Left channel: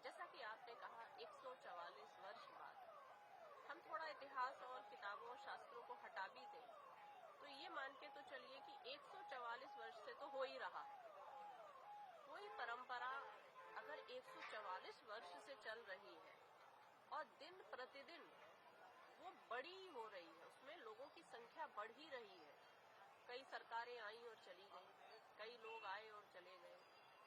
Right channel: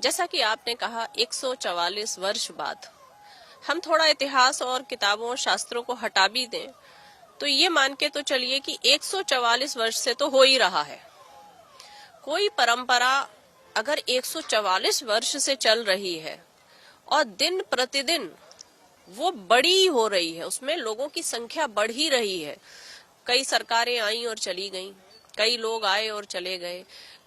जैसा कि आपने कहा 144 वर्ष बाद हम थोड़ा इतिहास और किताबों शास्त्रों को हटा भी दें तो ये मान के तो चलिए कि 144 वर्ष से तो हो ही रहा है। कोई परंपरा अगर 144 वर्ष से चल रही है और दिन प्रतिदिन वो बड़ी हो रही है, उसमें लोगों की संख्या बढ़ ही रही है। कई सरकारें आई और चली गईं, कई लोग आए और चले गए,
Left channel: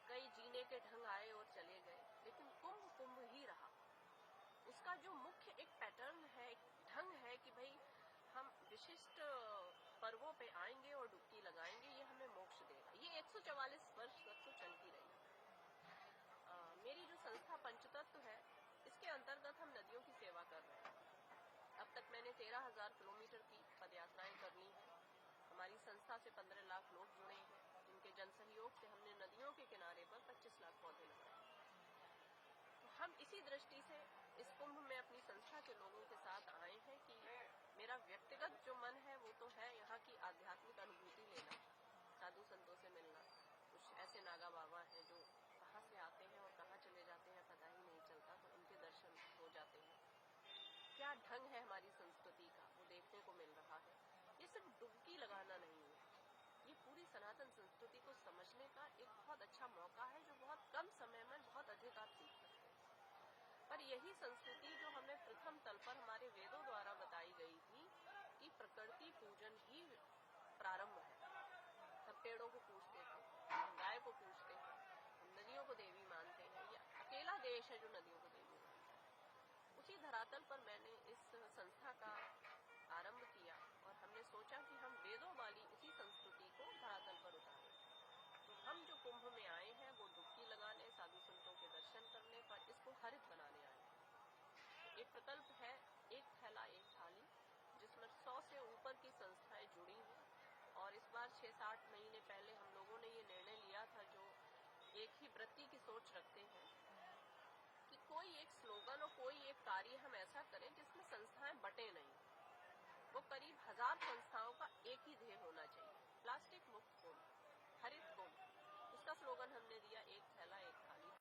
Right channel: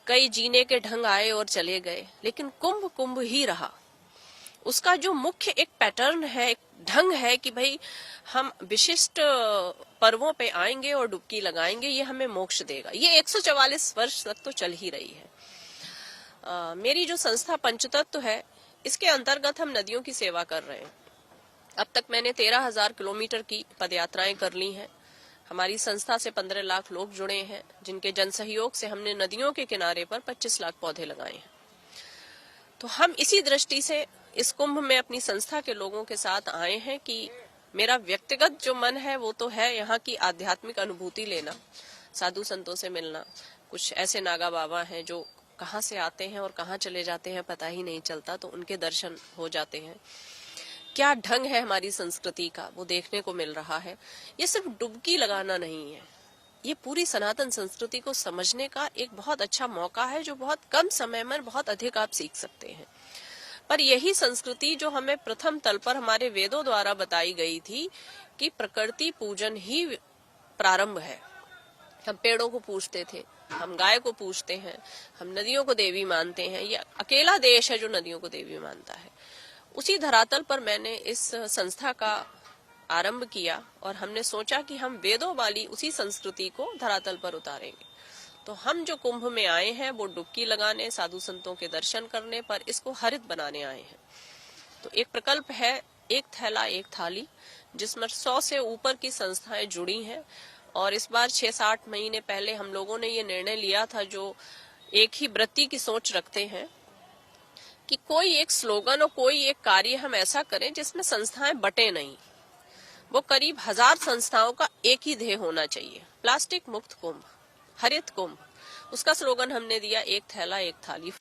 कई जीने के ढंग आए और चले गए, लेकिन कुंभ कुंभ ही रहा। उसका जो मुख्य एक पैटर्न है, एक ढंग है कि भाई हम विशिष्ट पर्वों पे आएंगे और डुबकी लगाएंगे, ये हमें मोक्ष देगा। ये 144 वर्ष तक तो चल ही रही है। मेरी जो संस्था पंचतत्व है, इसके अंतर्गत हम नदियों की सेवा कर रहे हैं। अब तक मैंने 13,000 किलोमीटर की पदयात्राएं कर ली हैं। हमारी संस्था से 15 लाख लोग जुड़े हैं, जिनके जन सहयोग से हमने नदियों के किनारे पर 25 लाख पौधे लगाए हैं। तो हम इसी दृष्टि से इस कुंभ में अपनी संस्था के लोगों के साथ आए हैं कि मेरा व्यक्तिगत जो मन है वो तो है यहाँ की आध्यात्मिक अनुभूति लेना, साधु संतों से मिलना। कुछ ऐसे नागा बाबा हैं जो कहाँ से आते हैं और कहाँ चले जाते हैं पता ही नहीं चलता, तो उनके दर्शन हो जाते हैं। क्या ढंग है हमारी संस्कृति का, वो देखने को मिल रहा है। ये सिर्फ डुबकी लगाना नहीं है, ये पूरी सनातन संस्कृति को समझने का एक बहुत अच्छा मौका है, जो बहुत कम समय में बहुत अधिक आप सीख सकते हैं। पर यही संस्कृति जो हमें प्रथम तल पर हमारे वेदों द्वारा बताई गई थी कि प्रकृति पूजन ही प्रारंभ है। हम पेड़ों को पूजते थे, हम गाय को पूजते हैं, हम नदियों को देवी मानते हैं। ये अकेला देश है जो नदियों को देवी मानता है। उसी धरातल पर मैंने इस संस्था का आरंभ किया और हमने सोचा कि हम वेदों वाली उसी संस्कृति को धरातल पर उतारेंगे। तो हम जो कुंभ में आए हैं वो डुबकी लगाने, साधु संतों के दर्शन करने, पर इसको हरित बनाने आए हैं। तो एक प्रकल्प है एक थैला एक थाली, जिसमें 100 से ऊपर की संस्थाएं जुड़ी हैं। और इस बार 6-8 महीने पहले हम लोगों ने ये निर्णय लिया था, जो एक ही वृत्ति की सोच रखते हैं, कि कोई एक स्लोगन और कोई एक कार्य हम ऐसा करें जिसमें संस्थाएं बटे नहीं। वो करीब 1000 संस्थाओं का एक ही ध्येय होना चाहिए, प्लास्टिक मुक्त कुंभ, हरित कुंभ। उसका स्लोगन हमने दिया एक थैला एक थाली।